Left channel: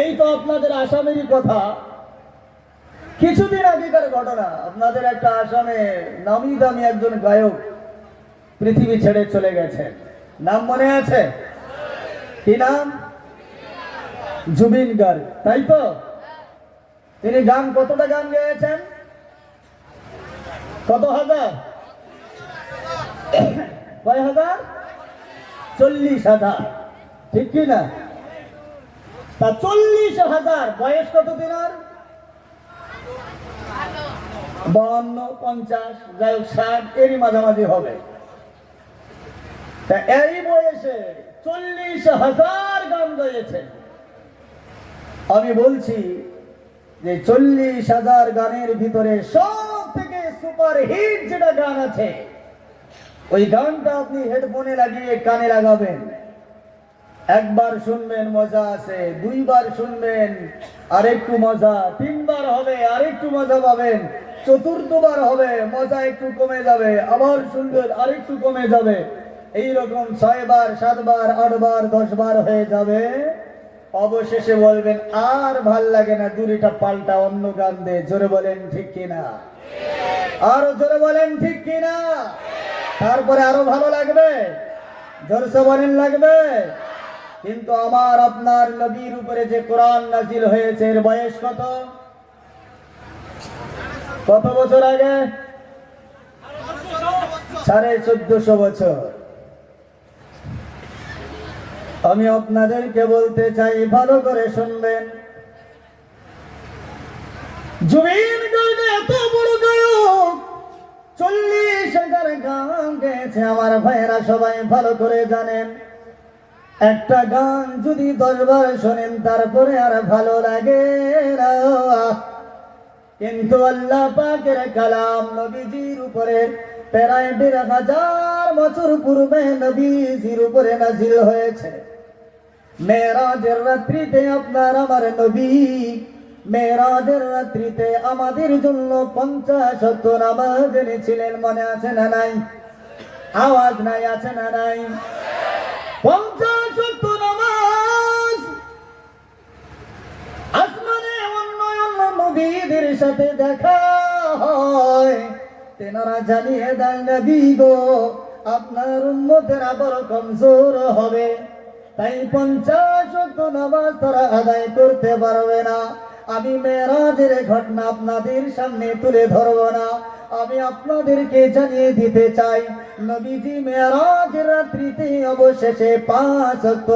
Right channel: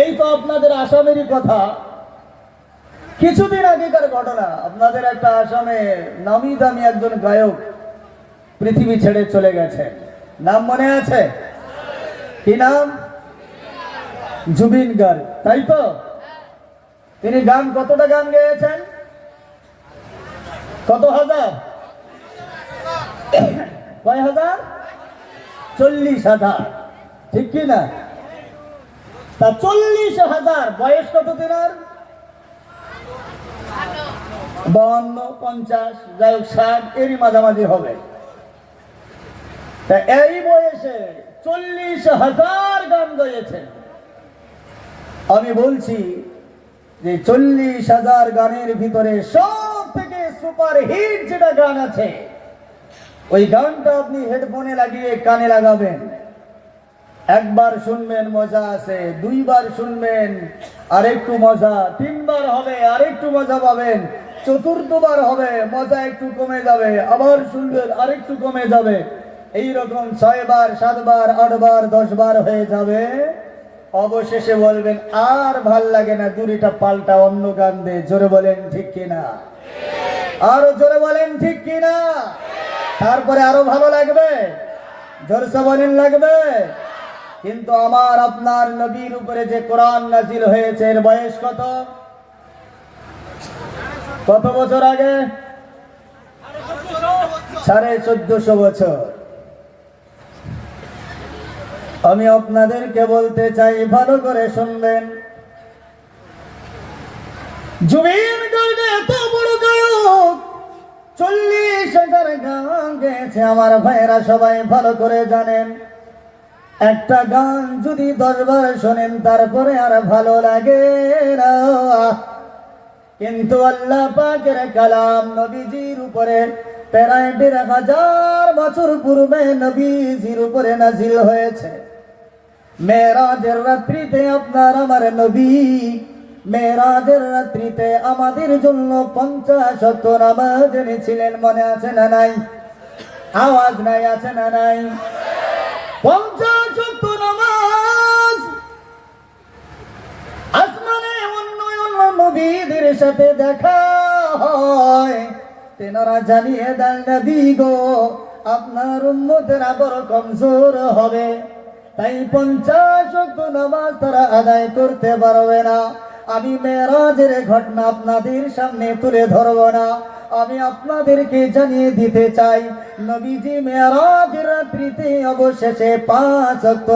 এই তো আপনাদের আসামেরই কথা। কিছুদিন আগেকার ঘটনা, আপনাদের একটা আসামে নামি দামি একজন গায়ক পৃথিবী ছেড়ে চলে গেছে। নাম মনে আছে? কি নাম? জুবিন গার্গ, তাই তো? তিনি কতটা গান গেয়েছেন? কত হাজার? কয় হাজার? 40,000, ঠিক কি না? তা 40,000 বয়স কত দিনার? 52, 50, যাই হোক 60 এরই মাঝামাঝি হবে। তা এই বয়সে 40,000 গান গেয়েছেন। আমি বলছি যে 40,000 গানের ভিতরে সব থেকে সুপার হিট যেটা গান আছে, ওই গানটা আপনি হেডফোনে লাগিয়ে কানে লাগাবেন, একবার শুনবেন মজা আছে, দুইবার শুনবেন আরেকটু মজা, তিনবার হবে আরেকটু মজা পাবেন, চতুর্থবার হবে মজা একটু কমে যাবে, আবার শুনবেন আরেকটু কমে যাবে, এইরকম 6 বার 7 বার 8 বার 10 বার হয়ে যাবে। অবশেষে বলবেন আর ভাল লাগে না, দুইটা পাল্টা অন্য গান দে। জোরে বলেন ঠিক কিনা? আরো জোরে বলেন ঠিক কিনা? তারপরে আরো ভালো লাগবে, জোরসে বলেন লাগবে। কিন্তু আমার আপনার নবীর উপরে যে কোরআন নাজিল হয়েছে, এর বয়স কত? কত বছর আগে? 1450 বছর। আমি আপনাদেরকে বলতে চাই, ভালো করে শুনবেন, জুবিন গার্গ এত বড় গায়ক, 40,000 গান গেয়েছে। আমার ভাইয়েরা সবাই ভালো করে জানেন, একটা গান যদি 10 বার শোনেন তারপরে আর ভালো লাগে না। কিন্তু আল্লাহ পাকের কালাম নবীজির উপরে প্রায় 1,500 বছর পূর্বে নবীজির উপরে নাজিল হয়েছে। মেরাজের রাত্রিতে আপনার আমার নবী মেরাজের রাত্রিতে আমাদের জন্য 50 ওয়াক্ত নামাজ এনেছিলেন। মনে আছে না নাই? আওয়াজ নাই, আছে না নাই? 50 ওয়াক্ত নামাজ। আসমানে অন্য অন্য নবীদের সাথে দেখা হয়, তেনারা জানিয়ে দেন নবী গো, আপনার উম্মতেরা বড় কমজোর হবে, তাই 50 ওয়াক্ত নামাজ তারা আদায় করতে পারবে না। আমি মেরাজের ঘটনা আপনাদের সামনে তুলে ধরব না, আমি আপনাদেরকে জানিয়ে দিতে চাই, নবীজি মেরাজের রাত্রিতে অবশেষে 5 ওয়াক্ত